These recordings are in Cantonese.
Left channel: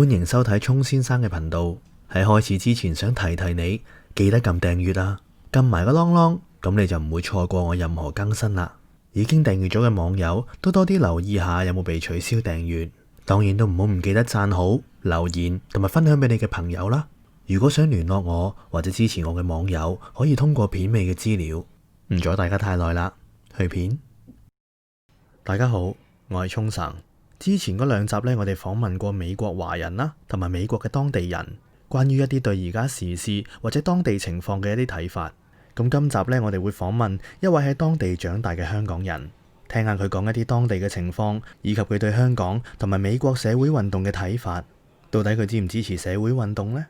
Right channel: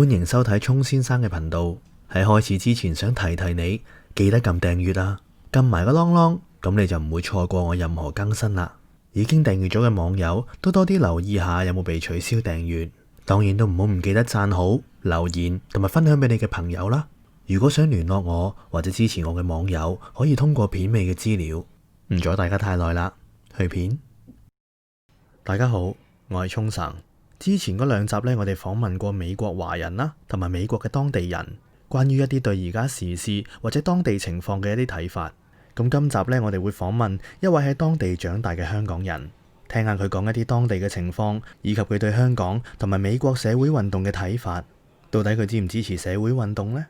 歡迎收睇聰先生嘅頻道。喺開始之前想提提你，記得撳訂閱啊，撳埋個啷啷，咁你就唔會錯過我任何更新啦。已經訂閱咗嘅網友都多啲留意下有冇被取消訂閱，當然都唔記得讚好、留言同埋分享俾你嘅朋友啦。如果想聯絡我或者支持我嘅網友，可以通過片尾嘅資料。唔阻大家太耐啦，去片。大家好，我係聰神。之前嗰兩集呢，我哋訪問過美國華人啦，同埋美國嘅當地人，關於一啲對而家時事或者當地情況嘅一啲睇法。咁今集呢，我哋會訪問一位喺當地長大嘅香港人，聽下佢講一啲當地嘅情況，以及佢對香港同埋美國社會運動嘅睇法。到底佢支唔支持社會運動呢？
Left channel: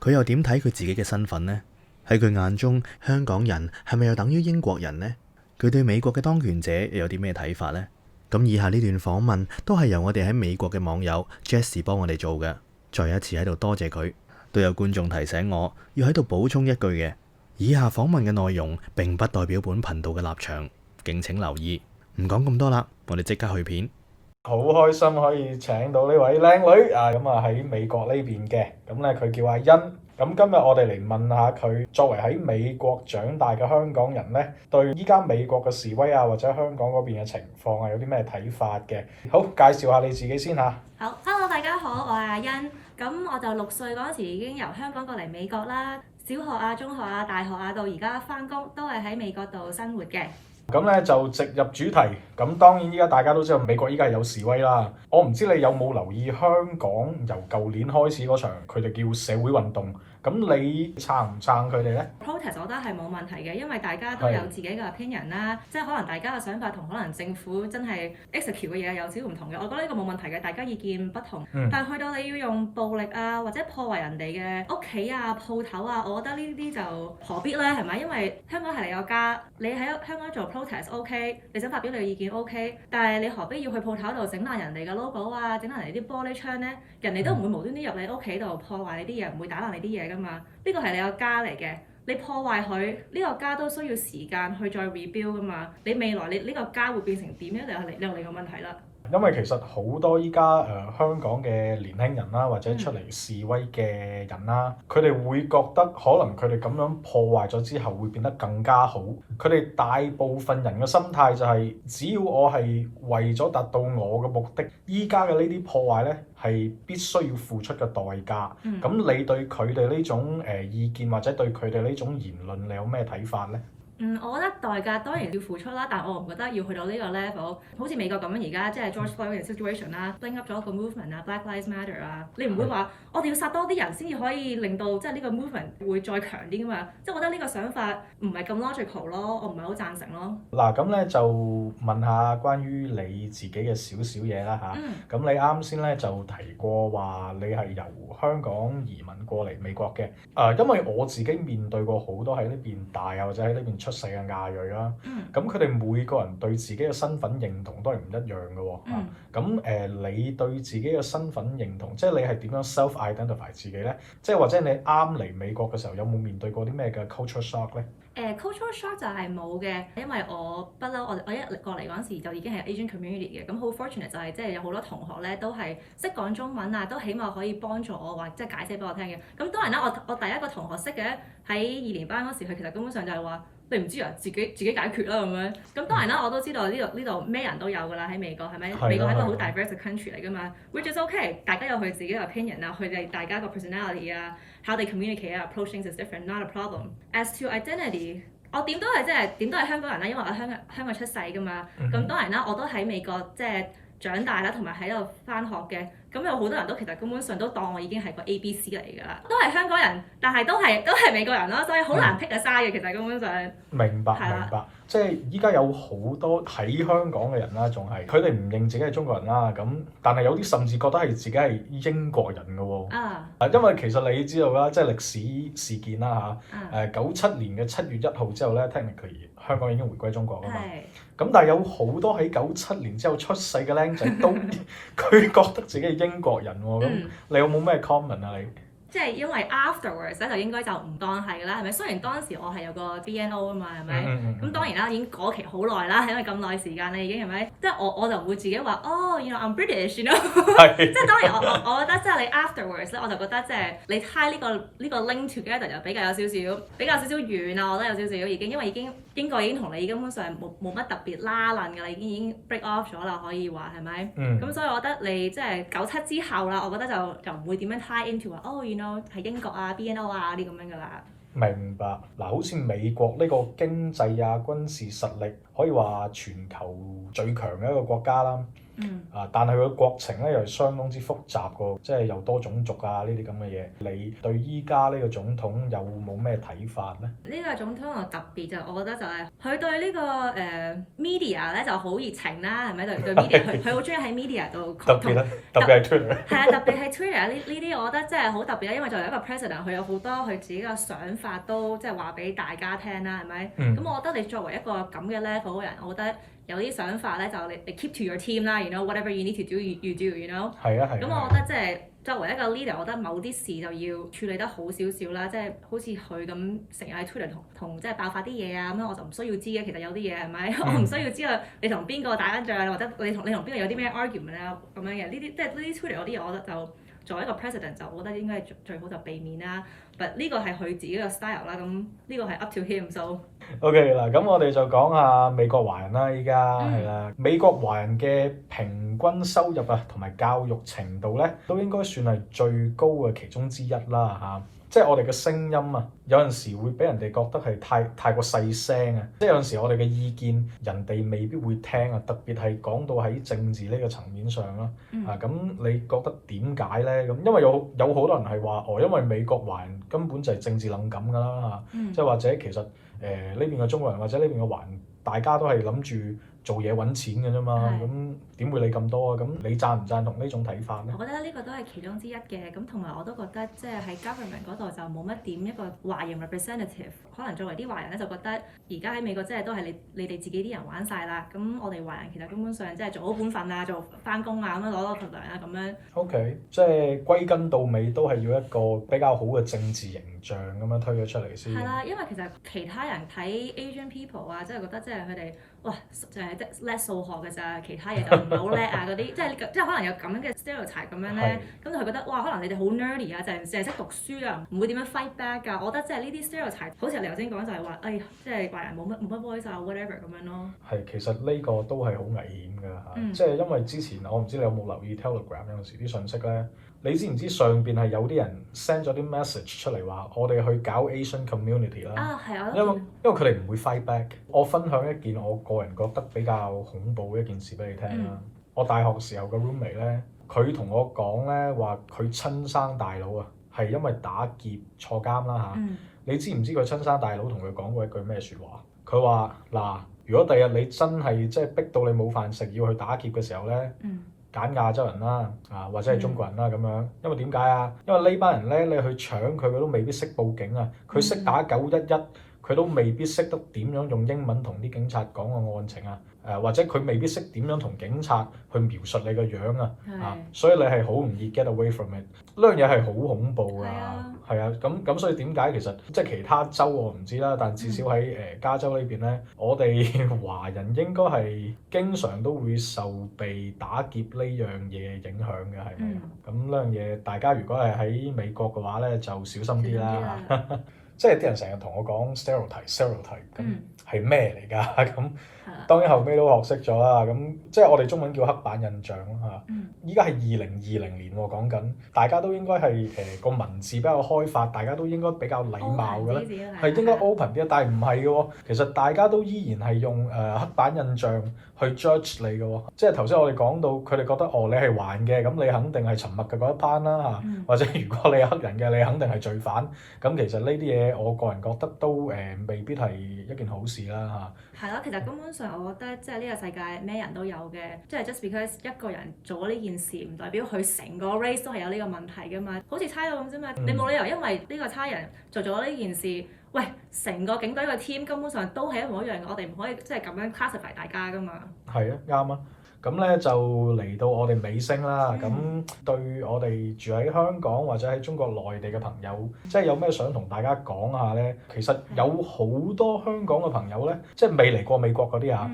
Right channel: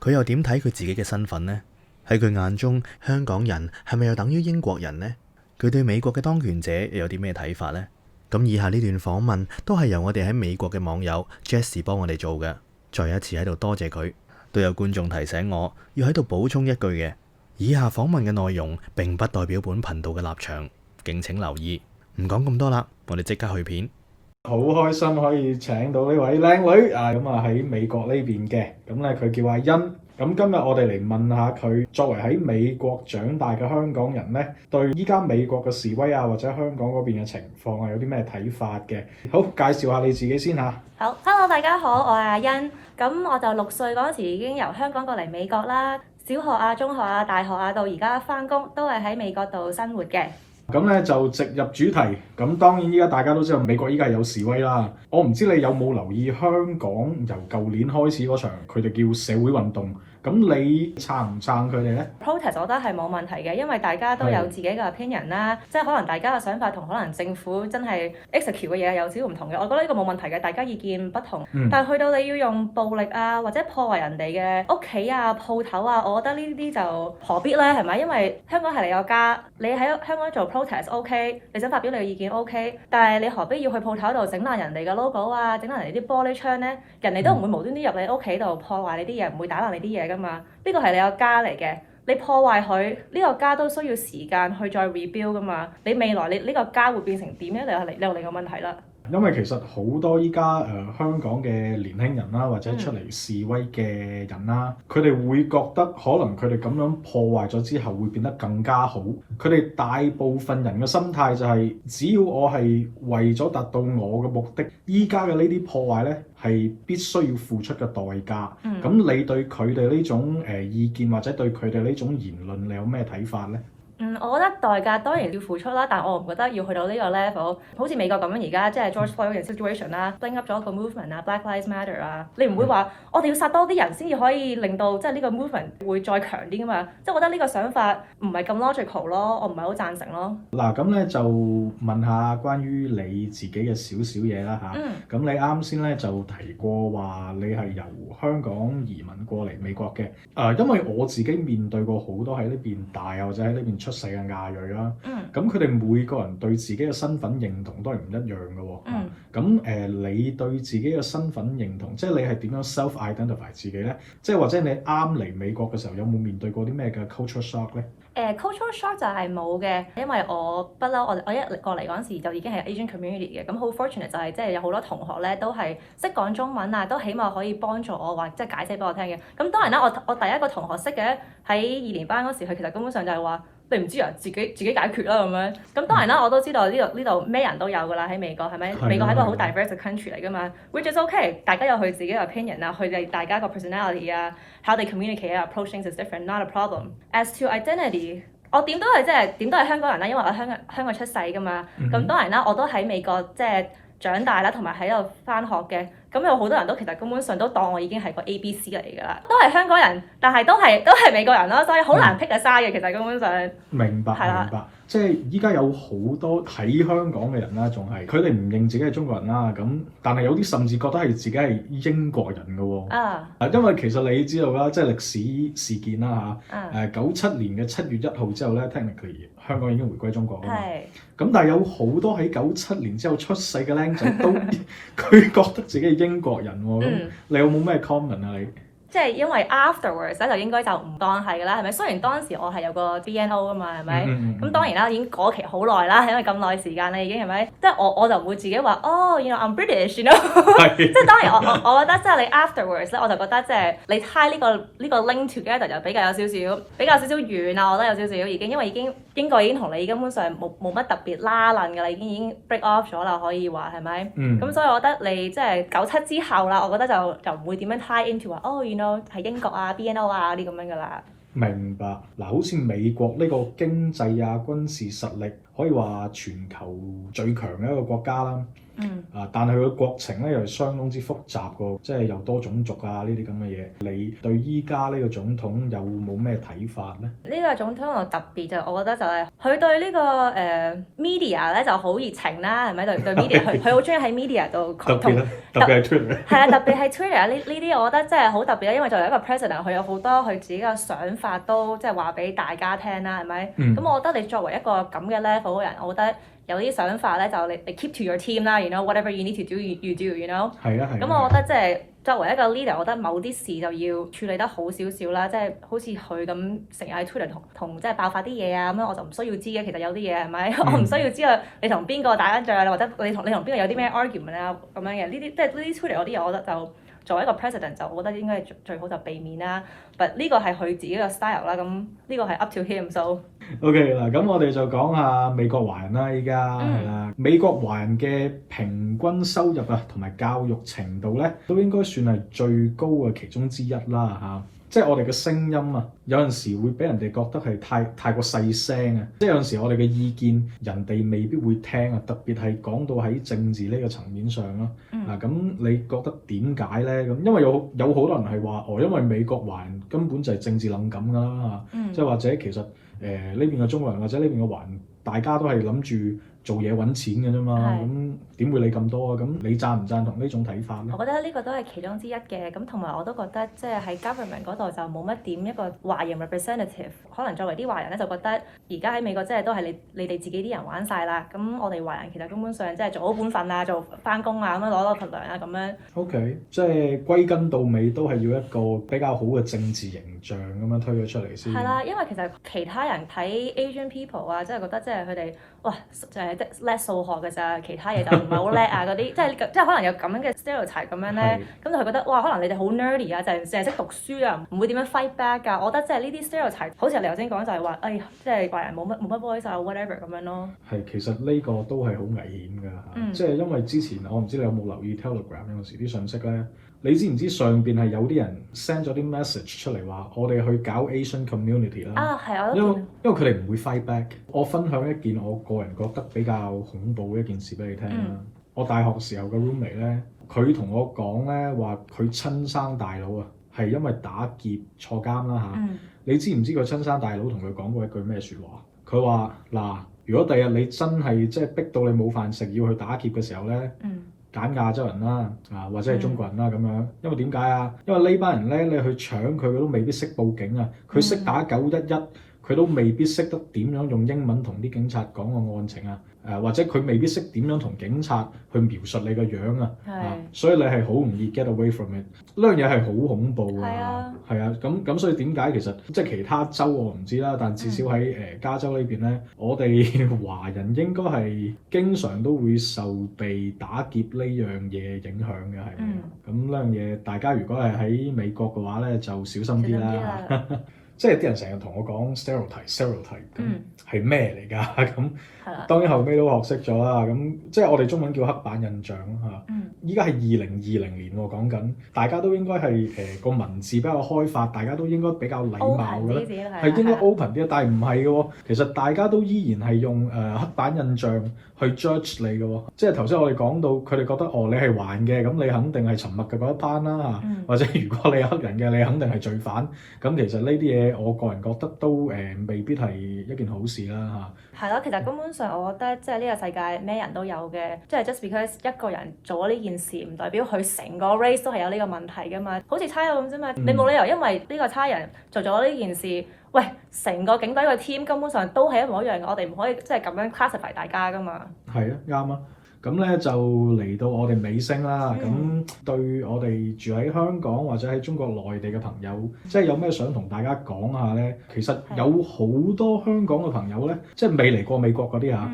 佢又點睇佢自己嘅身份呢？喺佢眼中，香港人係咪又等於英國人呢？佢對美國嘅當權者又有啲咩睇法呢？咁以下呢段訪問都係由我哋喺美國嘅網友 Jessie 幫我哋做嘅。再一次喺度多謝佢。都有觀眾提醒我要喺度補充一句嘅，以下訪問嘅內容並不代表本頻道嘅立場，敬請留意。唔講咁多啦，我哋即刻去片。好開心可以請到呢位靚女啊！咁啊喺美國呢邊嘅，咁咧佢叫阿欣。咁今日我哋嚟問下佢，作為喺美國長大嘅香港人咧，對依家美國嘅示威啊，或者香港嗰邊嘅情況啊，有啲咩睇法嘅？好，介紹下你自己先嚇。好，Hello，大家好，我係阿欣。咁我就6歲嗰陣時已經由香港過嚟美國啦，小學啊、中學啊、大學啊，到而家返工都係喺美國度生活嘅。咁咧就直入主題。咁當然依家大家都知道美國依家有示威啦。我唔知你有冇留意香港由舊年開始嗰場佢哋叫社會運動。咁你撐唔撐佢哋呢？ Protest 我覺得係冇問題嘅，因為大家都有自己嘅 opinion 啦，即係可能大家嘅想法同可能政府真係 execute 嘅嘢有少少唔同嘅。我覺得呢個冇問題嘅，大家意見不同。但係去到你要用暴力啊，或者破壞人哋嘅屋企啊、鋪頭啊，我覺得呢啲就何必呢？係咪？因為香港係你個家，你喺香港做 protest OK， 你想發表你嘅意見 OK， 但係你何必要去鋪頭度整爛人哋嘅 logo 啊，整爛人哋啲玻璃窗呢？人哋都唔會無端端入你屋企度破壞你啲嘢，唔會打爛你啲嘢㗎嘛。呢個係你個家嚟嘅，你破壞佢，呢個家都需要時間去再 rebuild 㗎嘛。你未來你呢個家會變成點呢？你又嚟個問題啦。因為其實好多依家香港嘅年輕人啦，或者出嚟示威嘅人啦，佢哋會覺得可能佢哋咁樣破壞咗之後會變得更加好。佢哋大部分人嘅心態就係，只要我係為咗達到我嘅目的，依家嘅呢啲破壞呢係必須要付出嘅代價。咁你對佢哋呢種意見或者對佢哋呢種言論，你有咩睇法呢？我覺得代價當然要付出啦，但我唔覺得要去到呢個 level。好似美國咁樣而家即係 George Floyd 嘅 situation 啦，bring up 咗一個 movement 啊 ，Black Lives Matter 啊，你唔會話我哋要殺多啲人先至可以令到即係呢個 movement 會再強啲㗎嘛？即係我覺得呢個想法唔係咁 logical 咯，我唔係好贊成咯。嗱，咁咧就問下關於你自己嘅少少嘢啦嚇。咁你啱先咧就提過話你係由香港移民過嚟美國嘅。因為我自己面對過好多喺呢邊大啊或者喺呢邊出世嘅亞裔啦，咁佢哋每個人對自己嘅身份認同都係唔一樣嘅喎。咁你對自己嘅身份認同，即係你係點樣 self-identify 自己呢？即係或者你啱嚟美國嘅時候，有冇面對過啲咩嘅 culture shock 呢？culture shock 就係冇嘅，因為我不嬲，我一過嚟嗰陣時就已經係 Asian community 嘅，咁好 fortunate 就係即係有好多同學咧都係識講中文啊，都起碼可以幫助我或即係解釋俾我聽嘅。咁當然啦，我第一個同學識嘅喺2年班嗰時，佢其實根本上就係話你唔知啊，自己解決啦咁樣。咁當然啦，我都知道呢度咩人都有㗎啦，喺美國係咪？美國係一個好 diverse 嘅 country 嚟㗎嘛，which is okay， 大家有佢自己嘅 opinion 啊，佢哋大家個 personality 啊 ，how they communicate 啊 ，approach things is different，not a problem。As to identity， 我點都係香港人啦，因為我喺香港出世㗎嘛。咁當然啦，我都喺美國即係長大啦，同埋喺度返學嘅。咁有好多人都其實根本上都當我已經係個 ABC 嚟㗎啦，都係香港人，但係都係美國人咯，所以好難 pick a side嘅。其實根本上明白，即係依家有好多喺香港嘅人啦，仲係佢哋唔認自己係中國人啦，咁但係有啲甚至覺得係自己係英國人㗎喎。因為其實你知道啦，即係歷史事件啦嚇。97年嘅7月1號之後咧，technically香港已經回歸中國㗎嘛。咁但係有好多喺97年之後出世嘅僆仔都佢覺得自己係英國人喎。咁你有冇咩 comment 啊你？即係因為 afterwards 咧就應該就唔當係㗎啦，係咪？雖然當時我係有個 BNO 㗎嘛，係咪？咁當然啦，已經過期好耐啦，因為咁耐時間啦已經係咪？即係我就唔會自己話哦，you know I'm British，you know 即係當然我覺得即係你 afterwards 咧，我就覺得即係你 tie 呢個 link together 就比較有少少遠啊，我覺得有少少已經，因為英國已經同你根本上冇乜特別拉褦㗎啦，已經 break off 咗啦，可以話係咪？咁所以我覺得你即係97之後啦，我覺得就唔會點樣 tie into 話哦，you know 係英國啊 BNO 啊啲咁樣㗎啦。明白嗱，好似美國呢個經濟啊、軍事實力可以話全球最強嘅一個國家啦。但係佢嘅國情咧又係相當之複雜個，即係又多種族啊呢啲咁嘅嘢。你對依家呢個總統有冇咩睇法咧？呢個總統我特別就我覺得就係佢對呢個media 咧就好熱情啦，係咪對 media 佢好中意喺 media 度特別係 Twitter 係啊，特別係 Twitter 呢啲我覺得真係好特別啦，因為作為一個 president 佢有好多佢自己嘅想法都即係話俾大家聽啦，係咪？咁我覺得你作為一個咁嘅 level 嘅人，我覺得有啲想法咧就你 keep to your team 啦，you know whatever you need to do you do，you know。係啊。咁我覺得即係作為一個 leader，我覺得某啲事就要處理得好少少啦，即係好似佢咁成日喺 Twitter 同即係爆發啲嘢啊咁樣，我就唔需要知嘅。其實有啲嘢係咪？我唔需要知道你同邊個打緊仗啊，或者你同邊個有啲咩 argument 啊咁樣嘅。呢啲即係呢啲 Twitter 嗰啲嘢，我覺得就作為一個 president 就我覺得應該係最好就避免啦。但呢個係佢自己嘅 style 啦，咁呢個係 up to him。So OK 嗱，咁我哋就講下美國華人啦，依家係啦，美國華人嘅平均收入啊，同埋教育程度咧，都應該算係最高嘅其中之一啦嚇。即係我哋嘅聲音啊，有陣時會俾人哋覺得係太過細聲啊，即係有陣時我哋嘅意見人哋未必會聽啊，特別係講到喺政治呢個層面上啦。咁你覺得點解咧？咁因為有好多人係話因為美國華人根本就係政治冷感㗎啦嚇，即係或者其實呢邊嘅中國人或者呢邊嘅華人，大家都係諗住做嘢揾錢嘅啫嘛，咁點會理咁多啊？咁你贊唔贊同呢種睇法咧？我覺得呢個都係其中之一嘅，咁同埋我都覺得即係喺 government 嗰度就冇乜點一個華人 representative， 可能作為啲華人咧就覺得而家喺美國即係都係你哋自己啲人玩晒啦，咁我哋華人其實根本上即係做好本份啊，做返工啊咁樣攞份糧啊咁樣。OK， 即係歸根到尾都係要一個比較好嘅政治形象咁樣推咗出嚟先。係啦，因為其實其他人睇 Asian people 啊，即係覺得即係佢哋哇就係即叻數學嘅咋，其他嘢就唔係好叻啊嗰啲，即係可能有咁樣嘅 stereotype 咁樣咧，咁就佢覺得哇可能你哋好 nerdy 啊，就係淨係識讀書啊，唔會點樣 fight back 㗎。我覺得即係呢啲 stereotype，好似你頭先講就係話，即係華人冇乜 voice 啊 whatever 咁樣咯。係，其實呢個都係好危險㗎嚇，即係因為之前我唔知你有冇留意 Telegram 有時啲信息咧。你知唔知上邊係有啲人 send 咗啲 message 出嚟話，我哋去搞 Asian community 啦。係啊，因為佢哋唔會 fight back。我分享一件我個人覺得比較恐怖嘅一件事俾你聽啦。我大學時候嘅 roommate 咧，佢同我講咧話，佢親生大佬啊，係因為打劫坐監啦嚇。你知唔知佢親生大佬同佢講過一句咩説話？佢話嗱，如果第日你真係即係逼到你冇飯食要去打劫嘅時候咧，揀亞洲人啦，或者係中國人啦咁樣，因為點解啊？因為呢班人咧，你去搶佢都未必識報警啊，佢識打911，佢都未必識得點樣用英文同啲警察講個案情啊，或者佢未必識點樣同警察去描述你個樣啊，所以你係好容易 get away from it。呢樣嘢係好恐怖㗎，係啊，咁所以點解其實即係其他州我唔知啦，但至少喺加州呢邊咧，我哋華人應該係經常都會受被打劫呢樣嘢影響嘅，係。咁呢樣嘢大家如果係喺美國嘅話咧，就小心啲啦。即係啲人成日同我講 stereotype， 咁係咩嚟㗎？咁當然後尾都學識咗啦。咁即係我哋中文叫刻板印象咯嚇。依家係2020年喎，講緊大家都應該係個文字比較開發，大家都應該比較禮貌嘅咧，係應該 open 啲。但係唔係嘅喎，其實大家都依然係用刻板印象去 judge 你嘅喎。即係頭先我哋講到，佢哋覺得你係華人嘅，咁你肯定係沉默嘅嗰一班啦嚇。或者如果你係黑人嘅，你肯定係罪犯。咁其實呢啲嘢，我個人覺得都未必係一件好事啦嚇。係咯，其實根本上我覺得即係呢個世界咩人都有嘅，即係 just because 一個人做咗呢件事，唔代表佢成個 race 都係有呢個問題㗎嘛。好似差佬咁啫嘛，你冇理由因為呢個差人做咗呢件事，喂，成個警隊個 team 根本上都係一模一樣嘅，我哋唔可以即係咁樣 classify 大家㗎嘛。係啊，啱啊。咁咧就嚟到我哋尾聲啦。咁對我哋住喺香港或者喺中國內地嘅朋友，即係有咩想同大家講下咧？其實有好多香港嘅朋友咧，即係未嚟過美國嗰啲嚇，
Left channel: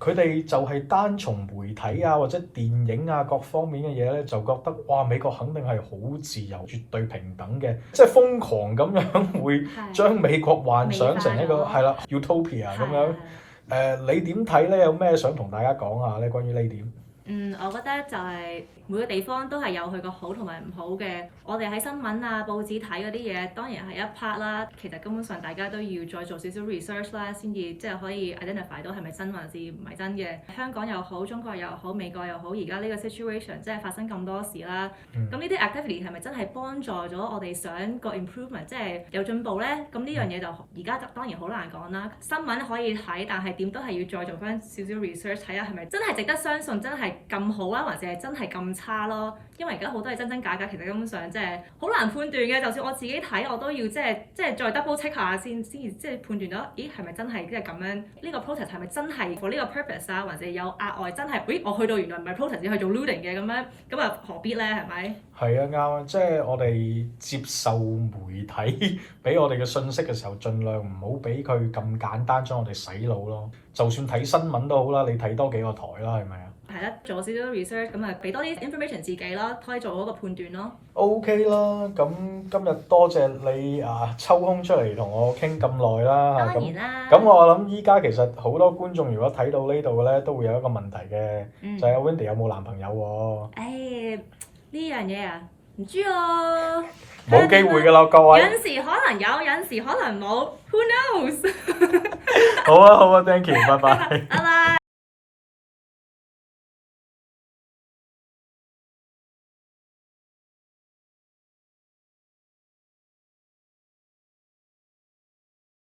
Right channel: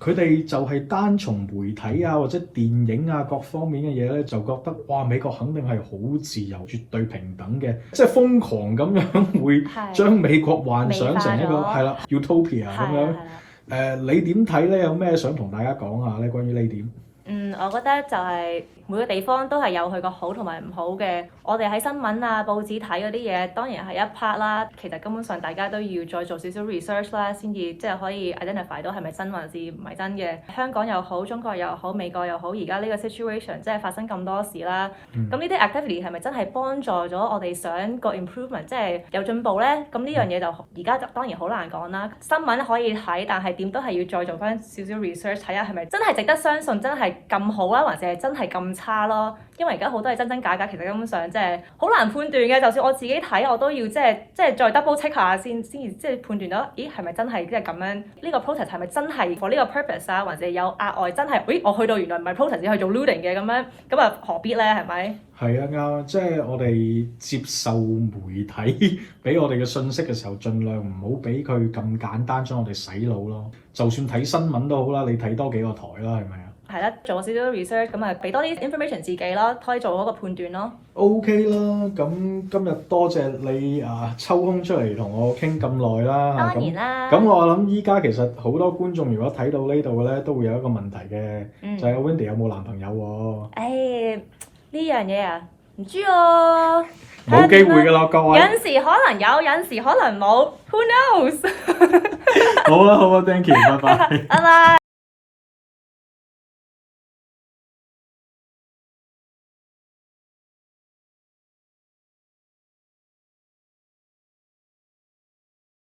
佢哋就係單從媒體啊或者電影啊各方面嘅嘢咧，就覺得哇美國肯定係好自由、絕對平等嘅，即係瘋狂咁樣會將美國幻想成一個係啦 utopia 咁樣。你點睇咧？有咩想同大家講下咧？關於呢點？我覺得就係每個地方都係有佢個好同埋唔好嘅。我哋喺新聞啊、報紙睇嗰啲嘢，當然係一 part 啦。其實根本上大家都要再做少少 research 啦，先至即係可以 identify 到係咪真還是唔係真嘅。香港又好，中國又好，美國又好，而家呢個 situation 即係發生咁多事啦。咁呢啲 activity 係咪真係幫助咗我哋想個 improvement， 即係有進步咧？咁呢樣嘢就而家就當然好難講啦。新聞可以睇，但係點都係要再做翻少少 research 睇下係咪真係值得相信，真係咁好啦，或者係真係咁差咯。因為而家好多係真真假假，其實根本上即係好難判斷嘅。就算我自己睇，我都要即係再 double check 下先至即係判斷到，咦係咪真係即係咁樣？呢個 protest 係咪真係 for 呢個 purpose 啊？或者有額外真係，咦我去到原來唔係 protest 去做 looting 嘅咁樣，咁啊何必咧？係咪？係啊啱啊，即係我哋接受媒體俾我哋嘅信息嘅時候，盡量唔好俾佢咁簡單將我哋洗腦咯。就算睇新聞都好啦，你睇多幾個台啦，係咪啊？係啦，做少少 research 咁啊，俾多啲 information 自己咯，可以做嗰個判斷咯。OK 啦，咁今日多謝你抽空出嚟同我傾咁耐啦。當然啦。咁我諗依家其實好多觀眾如果睇到呢度嘅咧，都會有一個問題嘅，就係 Wendy 有冇男朋友喎？呢樣嘢啊，唔知喎。冇機會㗎啦，各位。有陣時可能有，有陣時可能冇，Who knows？ 好啊，好啊，Thank you，拜拜。拜拜。